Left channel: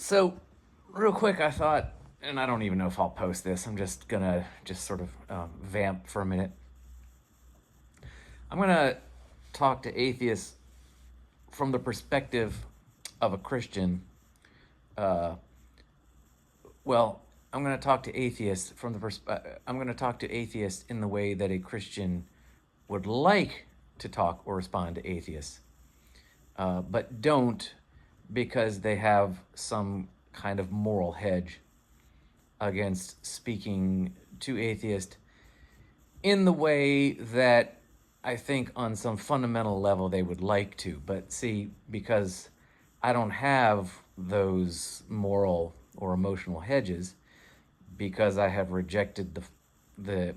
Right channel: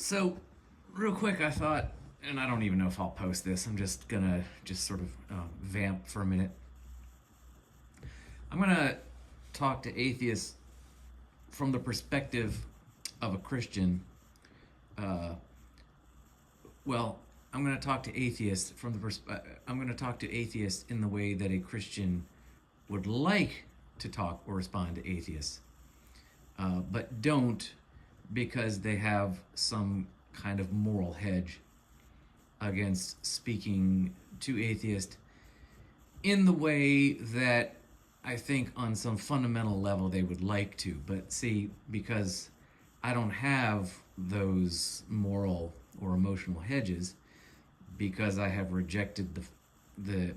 So, real quick, I thought, and I don't even know if I'll post this. I'm just gonna sort of vamp for a minute. I'm gonna talk to atheists from the perspective of a Christian. Uh, well, I'm gonna talk to atheists from I'm gonna talk to atheists in the way that a Christian would like to talk or respond to atheists, but don't because they have some kind of moral hedge against speaking to atheists in the way that I think on some fundamental level they would like to. But see, because I don't have those moral or emotional hedges, because I have rejected the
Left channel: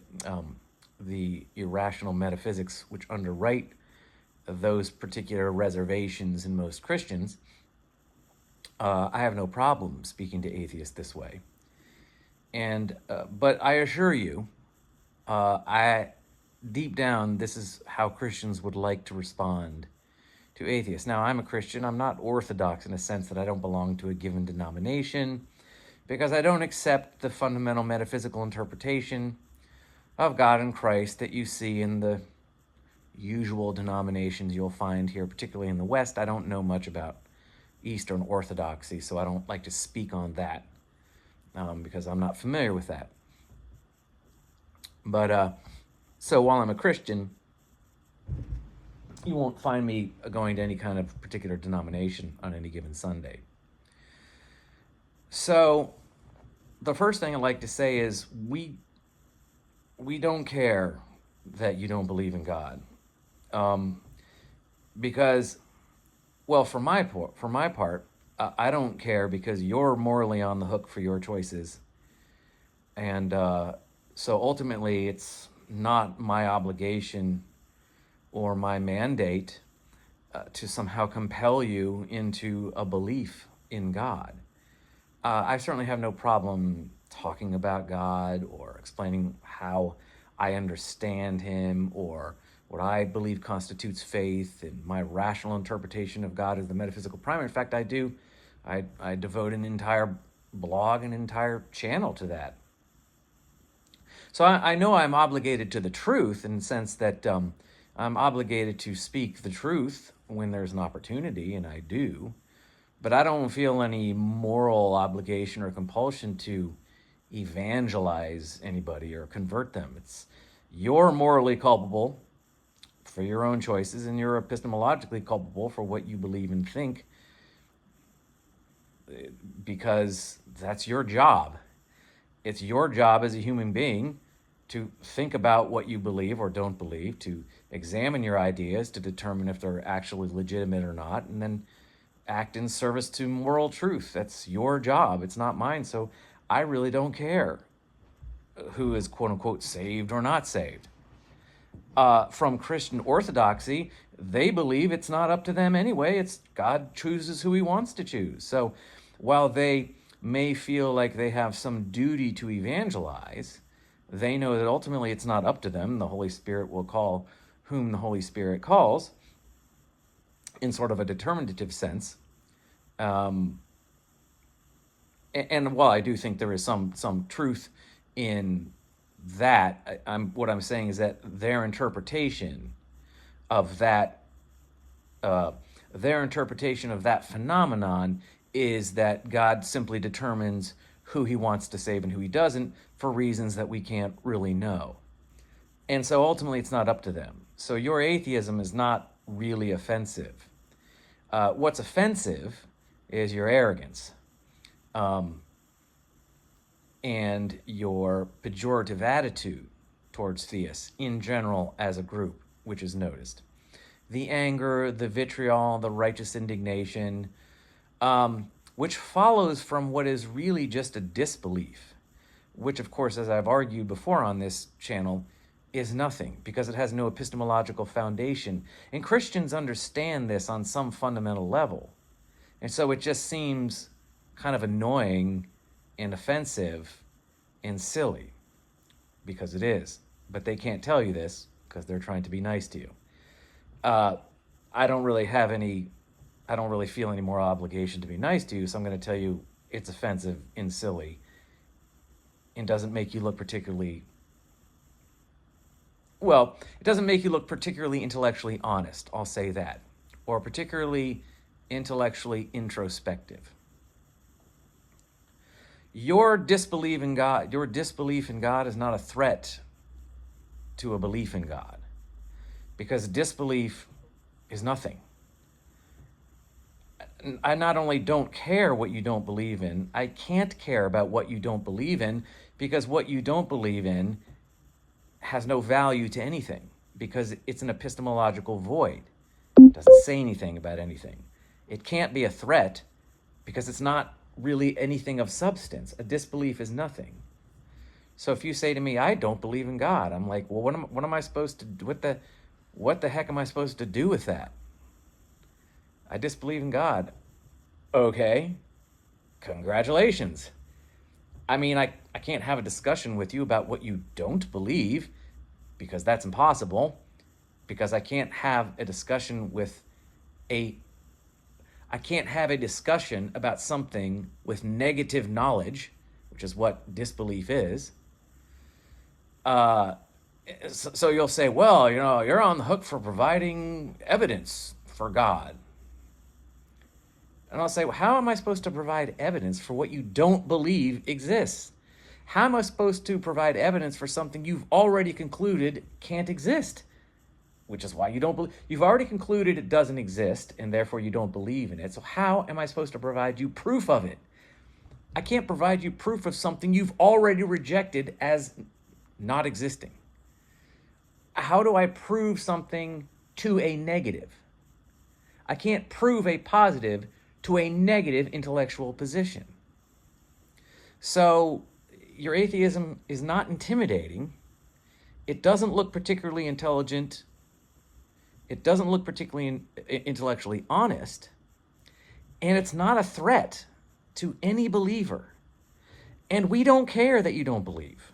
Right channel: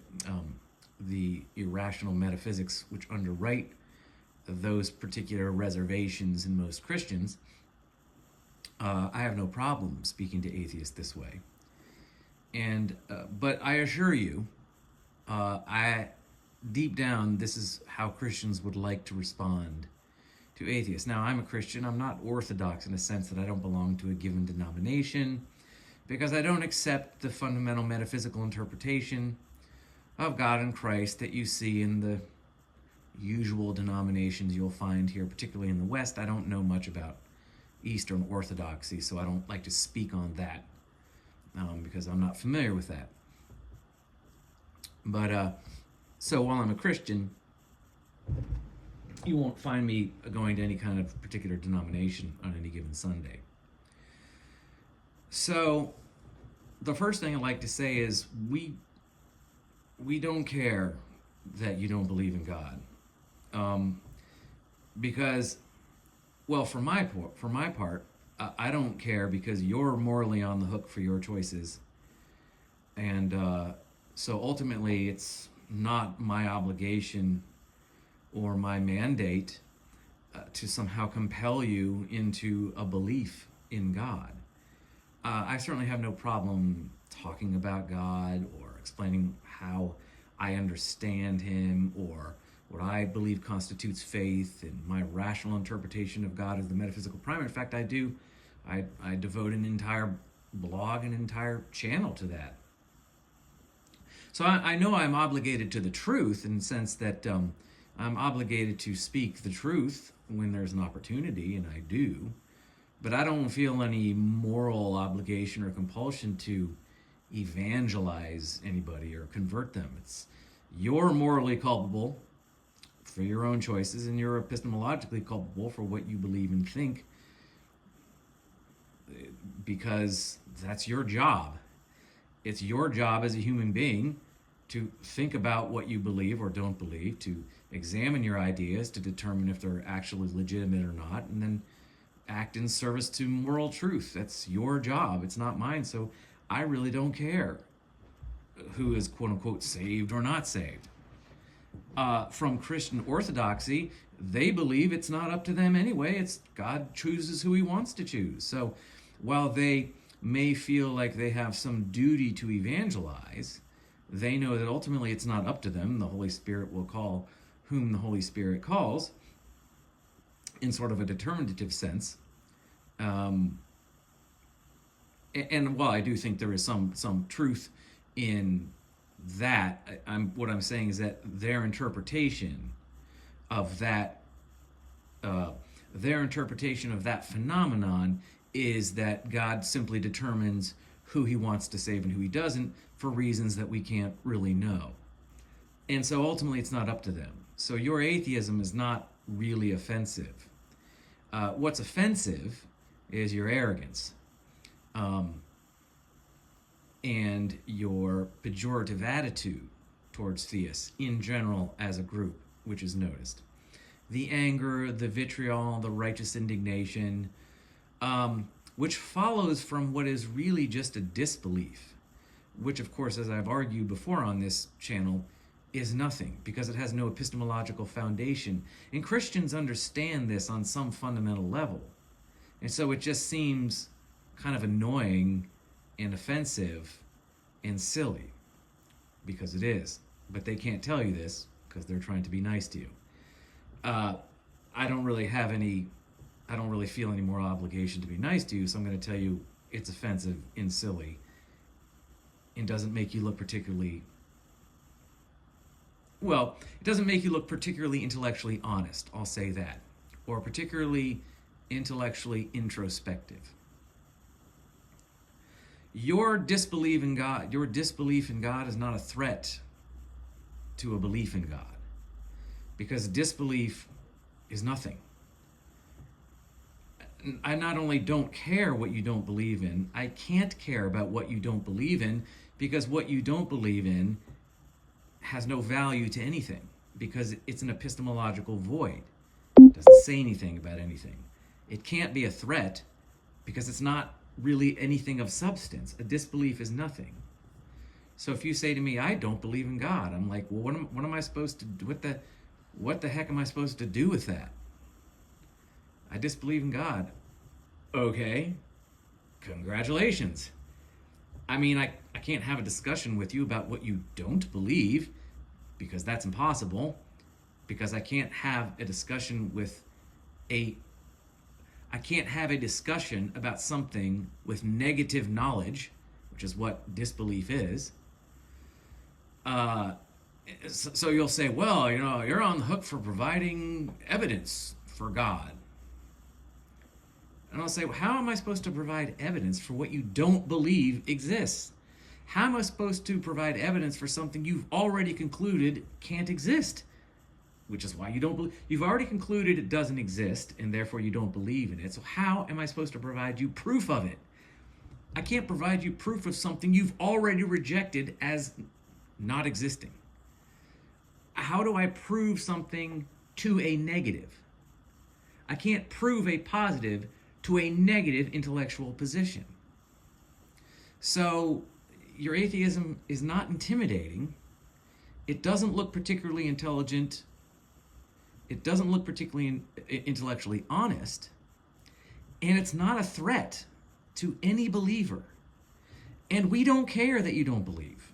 irrational metaphysics which underwrite those particular reservations in most Christians, I have no problem speaking to atheists this way. And but I assure you, I deep down, this is how Christians would like to respond to atheists. Now, I'm a Christian. I'm not orthodox in a sense that I don't belong to a given denomination, because I don't accept the fundamental metaphysical interpretation of God and Christ that you see in the usual denominations you'll find here, particularly in the West. I don't know much about Eastern Orthodoxy, so I don't like to speak on that because I'm not familiar with that. But so while I'm a Christian, you won't find me going to any kind of particular denomination on any given Sunday. So the first thing I'd like to say is we don't care that you don't believe in God, because, well, for my part, I don't care because you're morally on the hook for your choices, and so ultimately it's not my obligation or my mandate to somehow compel you into a belief in God. I certainly have no problem talking about God or explaining how I understand him or what I believe constitutes faith and my rational interpretation of God as the metaphysical primer. In fact, I do. I devote an entire blog, an entire channel to that. So I know I'm obligated to the truth in the sense that I'm obligated to speak the truth when there's an opportunity, and I do. But I don't feel any moral obligation or compulsion to evangelize anybody or convert them. You're morally culpable for your own choices, and you're epistemologically culpable for what you believe and think, because that's your job. It's your job as a human being to think about what you believe or don't believe, to examine your ideas to determine if they're actually legitimate or not, and then act in service to moral truth. That's your job. It's not mine. So I really don't care who is quote unquote saved or not saved. From Christian orthodoxy, they believe it's not up to them anyway. It's God chooses who he wants to choose. So while they may feel like they have some duty to evangelize, they know that ultimately it's not up to them. The Holy Spirit will call whom the Holy Spirit calls, in sort of a determinative sense. And while I do think there is some truth in that, what I'm saying is that their interpretation of that phenomenon is that God simply determines who he wants to save and who he doesn't for reasons that we can't really know. And so ultimately it's not up to them. So your atheism is not really offensive. What's offensive is your arrogance and your pejorative attitude towards theists in general as a group, which is noticed. The anger, the vitriol, the righteous indignation, which follows from what is really just a disbelief, which, of course, as I've argued before on this channel, is nothing because it has no epistemological foundation. And Christians understand this on some fundamental level. And so it just seems kind of annoying and offensive and silly, because it is. But they can't tell you this because they're trying to be nice to you. I don't really feel any moral obligation to be nice to you, so I'm going to tell you it's offensive and silly and doesn't make you look particularly, well, it doesn't make you look particularly intellectually honest, I'll say that, or particularly intellectually introspective. Your disbelief in God is not a threat to a belief in God, because disbelief is nothing. I not only don't care what you don't believe in, I can't care about what you don't believe in, because what you don't believe in has no value to anything, because it's an epistemological void. It doesn't say anything about anything. It can't be a threat because it's not really anything of substance. A disbelief is nothing. So if you say to me, I don't believe in God, I'm like, well, what am I supposed to do? What the heck am I supposed to do with that? I disbelieve in God. Okay, congratulations. I mean, I can't have a discussion with you about what you don't believe, because that's impossible, because I can't have a discussion about something with negative knowledge, which is what disbelief is. So you'll say, well, you're on the hook for providing evidence for God. And I'll say, well, how am I supposed to provide evidence for what you don't believe exists? How am I supposed to provide evidence for something you've already concluded can't exist? Which is why you don't believe. You've already concluded it doesn't exist, and therefore you don't believe in it. So how am I supposed to provide you proof of it? I can't provide you proof of something you've already rejected as not existing. How do I prove something to a negative? I can't prove a positive to a negative intellectual position. So your atheism is not intimidating. It doesn't look particularly intelligent. It doesn't look particularly intellectually honest. And it's not a threat to any believer. And we don't care that you don't believe,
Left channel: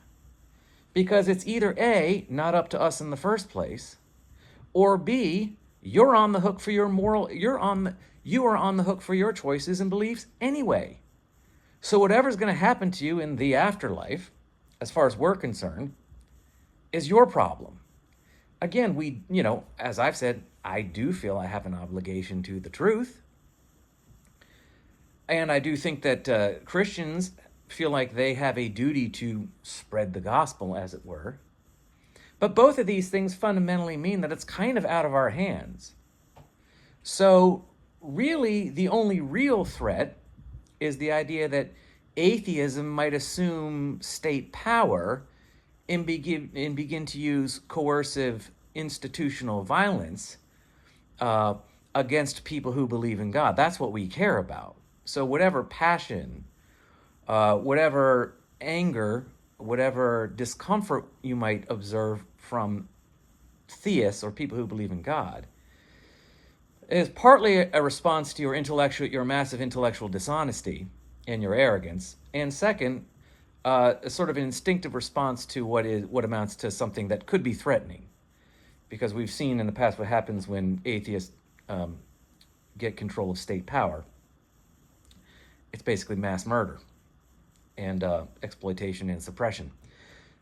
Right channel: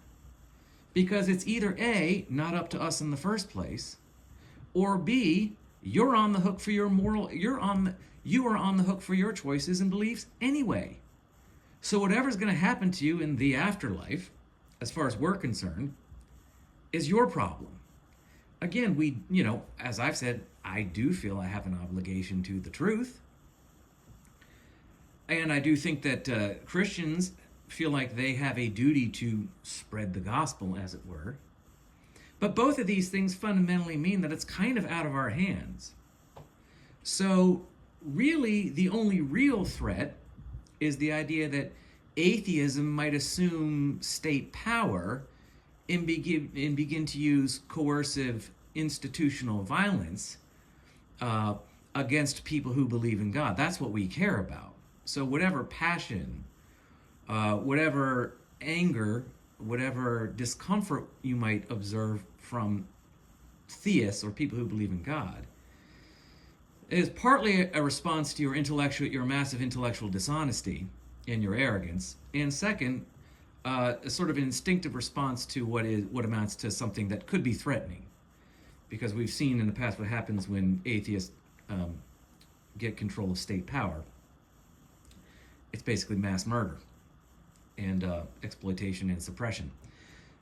because it's either A, not up to us in the first place, or B, you're on the hook for your you are on the hook for your choices and beliefs anyway. So whatever's going to happen to you in the afterlife, as far as we're concerned, is your problem. Again, as I've said, I do feel I have an obligation to the truth. And I do think that Christians feel like they have a duty to spread the gospel, as it were. But both of these things fundamentally mean that it's kind of out of our hands. So really, the only real threat is the idea that atheism might assume state power and begin to use coercive institutional violence against people who believe in God. That's what we care about. So whatever passion, whatever anger, whatever discomfort you might observe from theists or people who believe in God is partly a response to your massive intellectual dishonesty and your arrogance, and second, a sort of an instinctive response to what amounts to something that could be threatening, because we've seen in the past what happens when atheists get control of state power. It's basically mass murder and exploitation and suppression.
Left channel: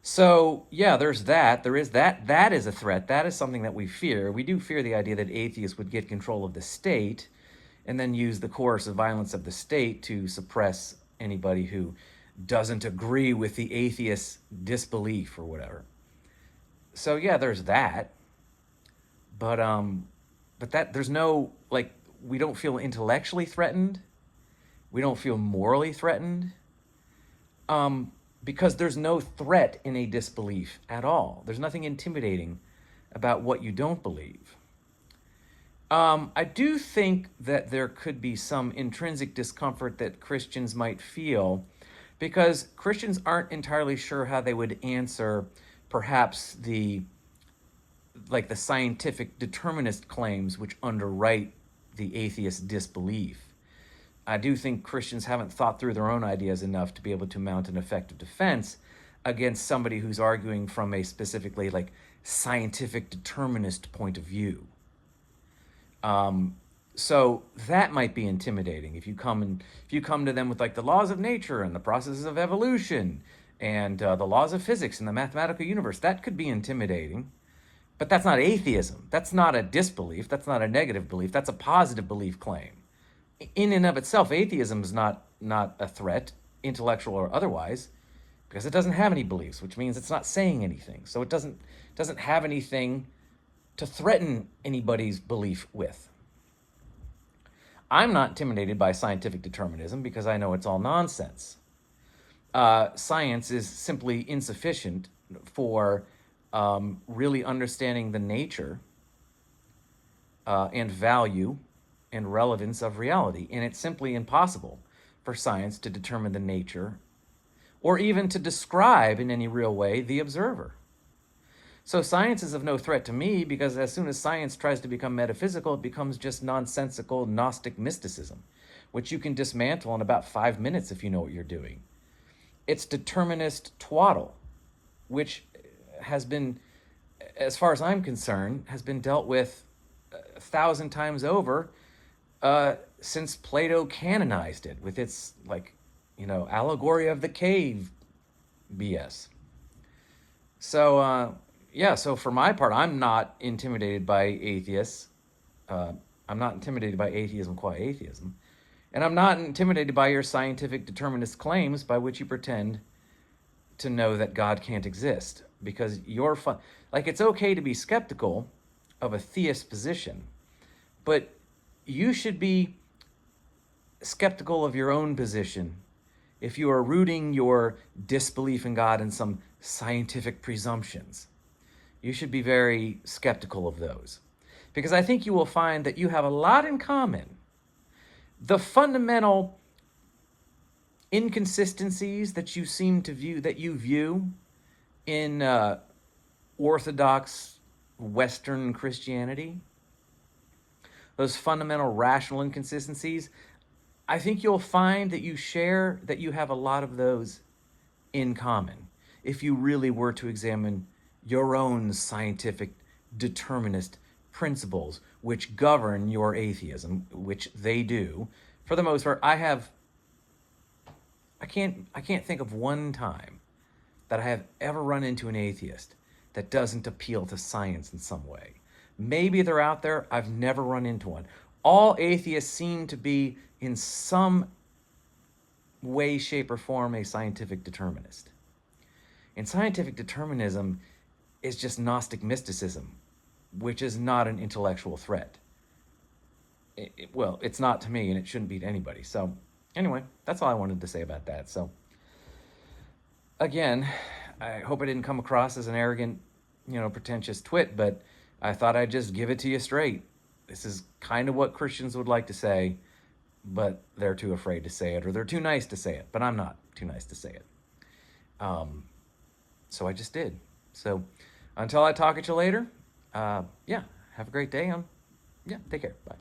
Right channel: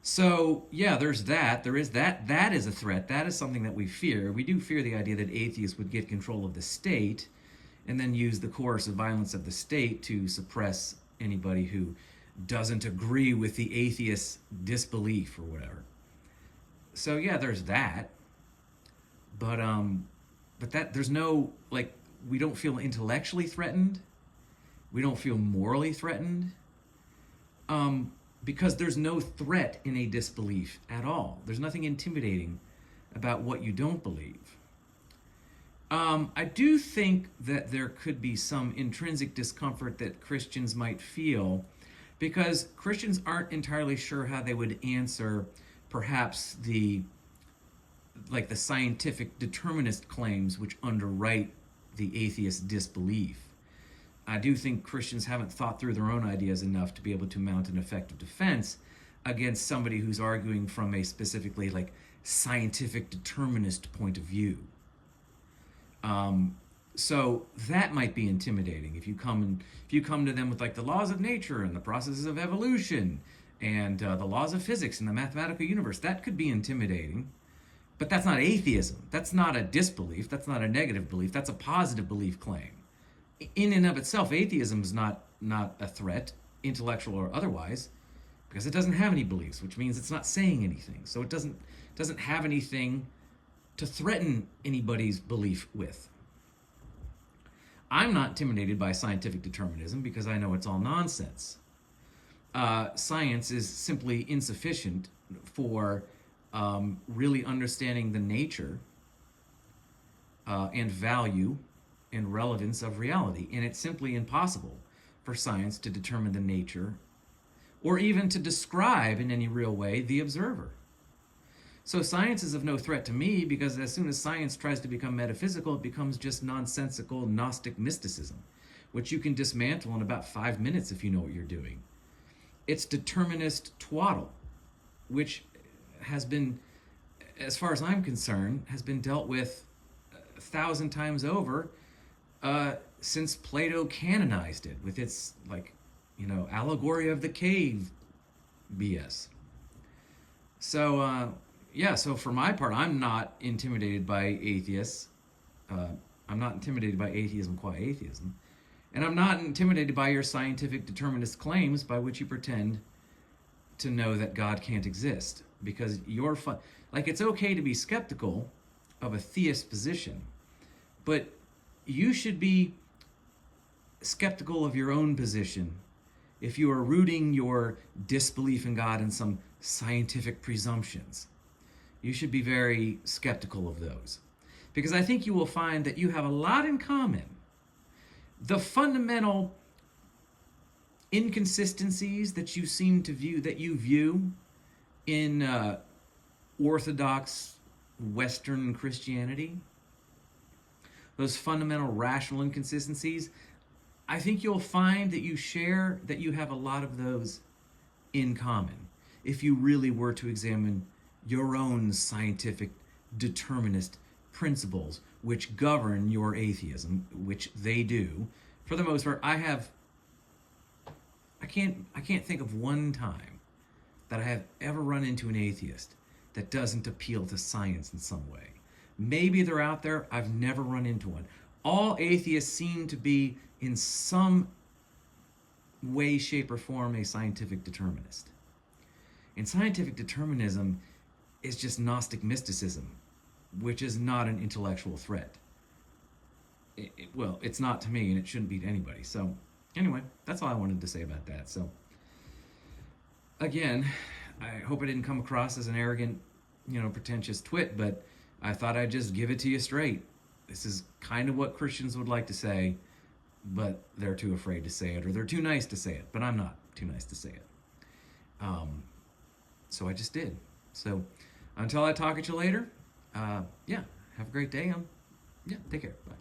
So yeah, there's that. There is that. That is a threat. That is something that we fear. We do fear the idea that atheists would get control of the state and then use the coercive violence of the state to suppress anybody who doesn't agree with the atheist's disbelief or whatever. So yeah, there's that. But that there's no, like, we don't feel intellectually threatened. We don't feel morally threatened. Because there's no threat in a disbelief at all. There's nothing intimidating about what you don't believe. I do think that there could be some intrinsic discomfort that Christians might feel, because Christians aren't entirely sure how they would answer perhaps the scientific determinist claims which underwrite the atheist disbelief. I do think Christians haven't thought through their own ideas enough to be able to mount an effective defense against somebody who's arguing from a specifically scientific determinist point of view. So that might be intimidating if you come to them with like the laws of nature and the processes of evolution and the laws of physics and the mathematical universe. That could be intimidating. But that's not atheism. That's not a disbelief. That's not a negative belief. That's a positive belief claim. In and of itself, atheism is not a threat, intellectual or otherwise, because it doesn't have any beliefs, which means it's not saying anything. So it doesn't have anything to threaten anybody's belief with. I'm not intimidated by scientific determinism because I know it's all nonsense. Science is simply insufficient for really understanding the nature and value and relevance of reality. And it's simply impossible for science to determine the nature or even to describe in any real way the observer. So science is of no threat to me because as soon as science tries to become metaphysical, it becomes just nonsensical Gnostic mysticism, which you can dismantle in about 5 minutes if you know what you're doing. It's determinist twaddle, which has been, as far as I'm concerned, has been dealt with 1,000 times over since Plato canonized it with its allegory of the cave BS. So so for my part, I'm not intimidated by atheists. I'm not intimidated by atheism qua atheism. And I'm not intimidated by your scientific determinist claims by which you pretend to know that God can't exist. Because it's okay to be skeptical of a theist position, but you should be skeptical of your own position if you are rooting your disbelief in God in some scientific presumptions. You should be very skeptical of those, because I think you will find that you have a lot in common. The fundamental inconsistencies that you view in Orthodox Western Christianity, those fundamental rational inconsistencies, I think you'll find that you have a lot of those in common if you really were to examine your own scientific determinist principles which govern your atheism, which they do. For the most part, I can't think of one time that I have ever run into an atheist that doesn't appeal to science in some way. Maybe they're out there. I've never run into one. All atheists seem to be, in some way, shape, or form, a scientific determinist. And scientific determinism is just Gnostic mysticism, which is not an intellectual threat. It's not to me, and it shouldn't be to anybody. So, anyway, that's all I wanted to say about that. So, again, I hope I didn't come across as an arrogant, pretentious twit, but I thought I'd just give it to you straight. This is kind of what Christians would like to say, but they're too afraid to say it, or they're too nice to say it, but I'm not too nice to say it. So I just did. So until I talk at you later, have a great day. Take care. Bye.